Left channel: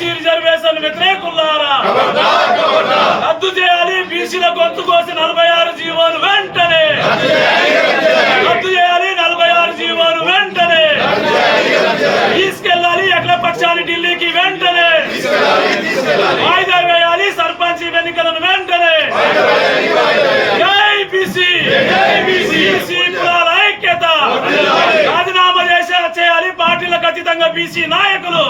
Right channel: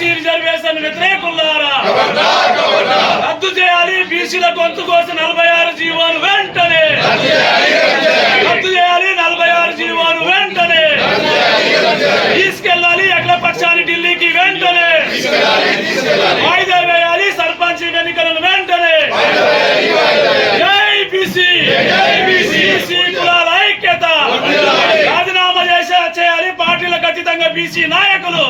BC reservation వ్యతిరేకులారా రద్దు చేయాలి బీసీల గొంతు కోసి నలభై ఆరు జీవోలు వెంటనే. రద్దు చేయాలి నలభై ఆరు జీవోలు వెంటనే. తీసుకెళ్ళాలి అఖిల పక్షాన్ని ఢిల్లీకి వెంటనే. వాయిదా వేయాలి సర్పంచ్ ఎన్నికలను వెంటనే. జై బీసీ బీసీ కులాల ఐక్యత రాజీనామా చేసే చేయాలి పార్టీలకు ఖచ్చితంగా బీసీ నాయకులు.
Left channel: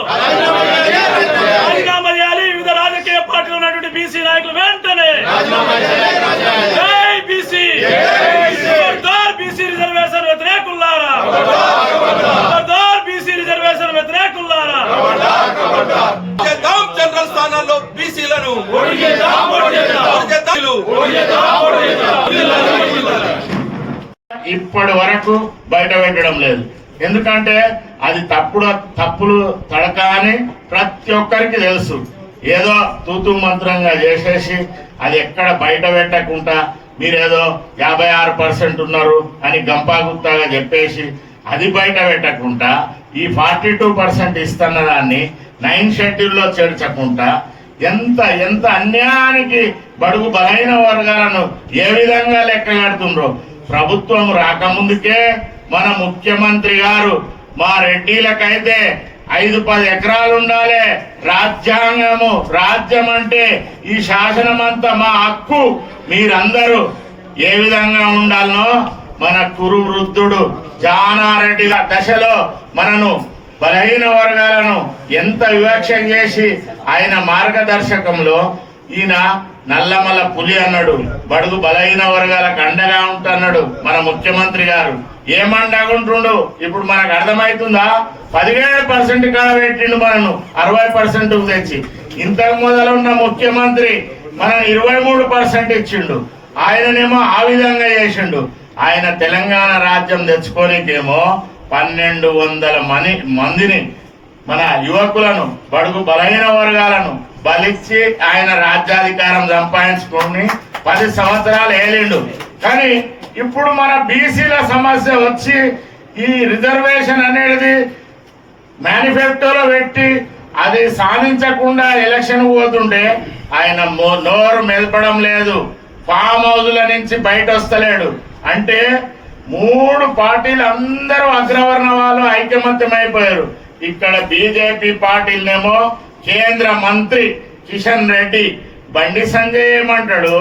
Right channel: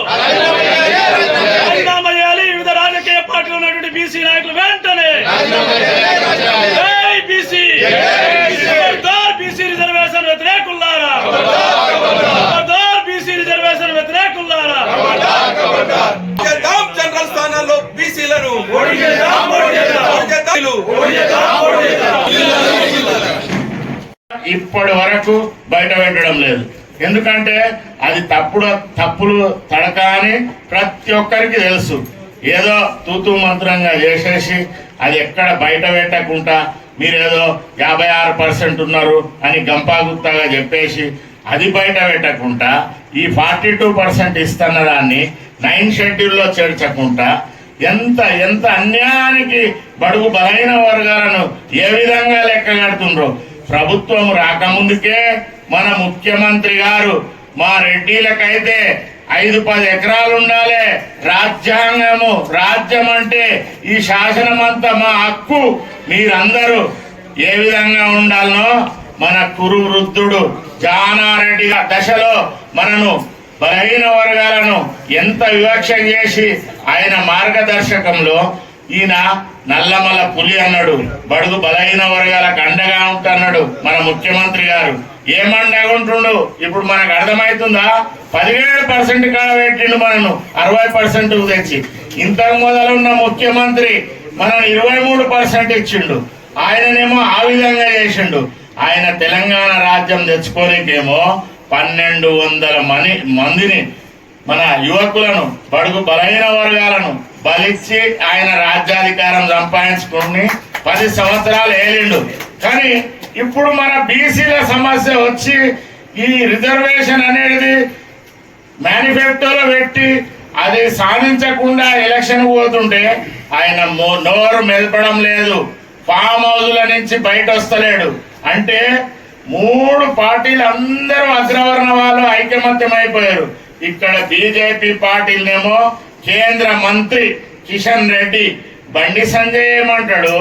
రాజీనామా చేయాలి. వివిధ రాజకీయ పార్టీలు ఉన్నటువంటి బీసీ నాయకులు వెంటనే. జై బీసీ. బీసీ రిజర్వేషన్ వ్యతిరేకులారా బీసీ రిజర్వేషన్ వ్యతిరేకులారా జనరల్ స్థానాల్లో బీసీలను. ఇప్పటి వరకు బయట పెట్టడం లేదు. ఎందుకంటే అది తప్పుడు తప్పులు తడక అని ప్రతి ఒక్కరికి తెలుసు. ఏదో తూతూ మంత్రంగా చేసేసి అది ఎక్కడ బయట పెట్టకుండా మీరేదో యాభై ఆరు పర్సెంట్ ఉన్నారు అని గంపాగుత్తాగా చెప్పేసి అది బయట పెట్టకుండా ఈ ఫార్టీ టూ పర్సెంట్ ఇస్తున్న దాన్ని నైన్ షెడ్యూల్లో చేర్చకుండా ఎంత ఎంత అన్యాయానికి బడుగు బలైన వర్గాలను ఏ విధంగా లెక్క కడుతుండ్రో ప్రభుత్వం రాకముందుకే మన ముఖ్యమంత్రి గారు మా రెడ్డిలకైతే ఐదు పది ఎకరాలు ఉండాలి. రాజ్యాంగము రాజ్యం అంటే ఈ శాసనం అంతా మా హక్కు. మీరందరూ ఏ విధంగా ఉండాలనో మన కురు వృద్ధుడు జానారెడ్డి దశలో మనను బలహీన వర్గాలను ఎంత వివక్ష చేసి ఆయన మార్గదర్శకంలో ఈయన నల్లమల పులి అన్నాడు బడుగు బలహీన వర్గాలకు అండగా ఉంటున్నాడు మన ముఖ్యమంత్రి గారు. ఏమండగా ఇప్పుడు మనకు అర్థమవుతుందా? పదిహేడు పర్సెంట్ కాడ పెట్టిండు మనను అరవై పర్సెంట్ తెచ్చి. ఇంతకు మొదలున్న ముఖ్యమంత్రి మనం ఇరవై మూడు పర్సెంట్ ఇచ్చిండు. ఆయననేమో ఆ విధంగా చేసిండు. ఆయన తెలంగాణ రాజ్యం తెచ్చుకోనికేమో పన్నెండు వందల మని మందిని మన యువకులను బడుగు బలహీన వర్గాలను బలిచ్చి ఆయన రాజ్యాధికారం సంపాదించుకొని పది సంవత్సరాలు ఏలిండు. కానీ ఇప్పుడు మన బీసీల సమస్య వచ్చి ఈ రిజర్వేషన్ అనేది మేనిఫెస్టోలో పెట్టి అది సాధించకుండా ఎలక్షన్ పోతుంటే ఆయన నోరు మెదపడం లేదు. ఫామ్ హౌజుల నుంచి బయట వస్తలేడు అంటే మూడు పార్టీలు అందరూ అగ్రవర్ణ వాళ్ళు ఐకమత్యమైపోయారు. ఇక్కడ బీజేపీ పార్టీలనేమో కేంద్ర మంత్రి కిషన్ రెడ్డి. బండి సంజయ్ ఏమంటాడు?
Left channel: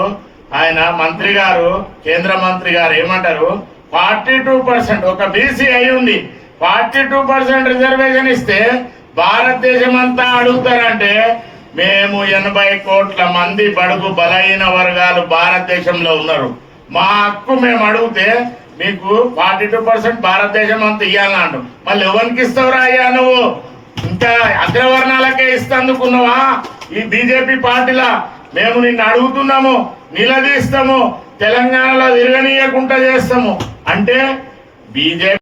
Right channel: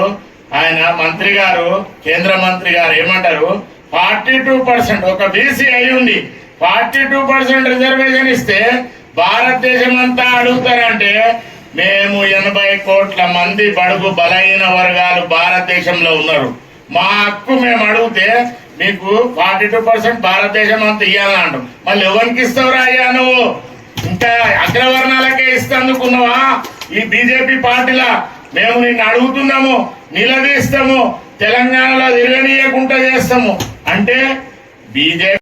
ఆయన మంత్రి గారు కేంద్ర మంత్రి గారు ఏమంటారు? ఫార్టీ టూ పర్సెంట్ ఒక బీసీ అయి ఉంది. ఫార్టీ టూ పర్సెంట్ రిజర్వేషన్ ఇస్తే భారతదేశం అంతా అడుగుతారంటే మేము ఎనభై కోట్ల మంది బడుగు బలహీన వర్గాలు భారతదేశంలో ఉన్నారు. మా హక్కు మేము అడిగితే మీకు ఫార్టీ టూ పర్సెంట్ భారతదేశం అంతా అంటాం. మళ్ళీ ఎవరికి ఇస్తావురా అయ్యా నువ్వు? ఇంకా అగ్రవర్ణాలకే ఇస్తందుకున్నావా? ఈ బీజేపీ పార్టీలా మేము నిన్ను అడుగుతున్నాము. నిలదీస్తాము తెలంగాణలో తిరగనీయకుండా చేస్తాము. అంటే బీజేపీ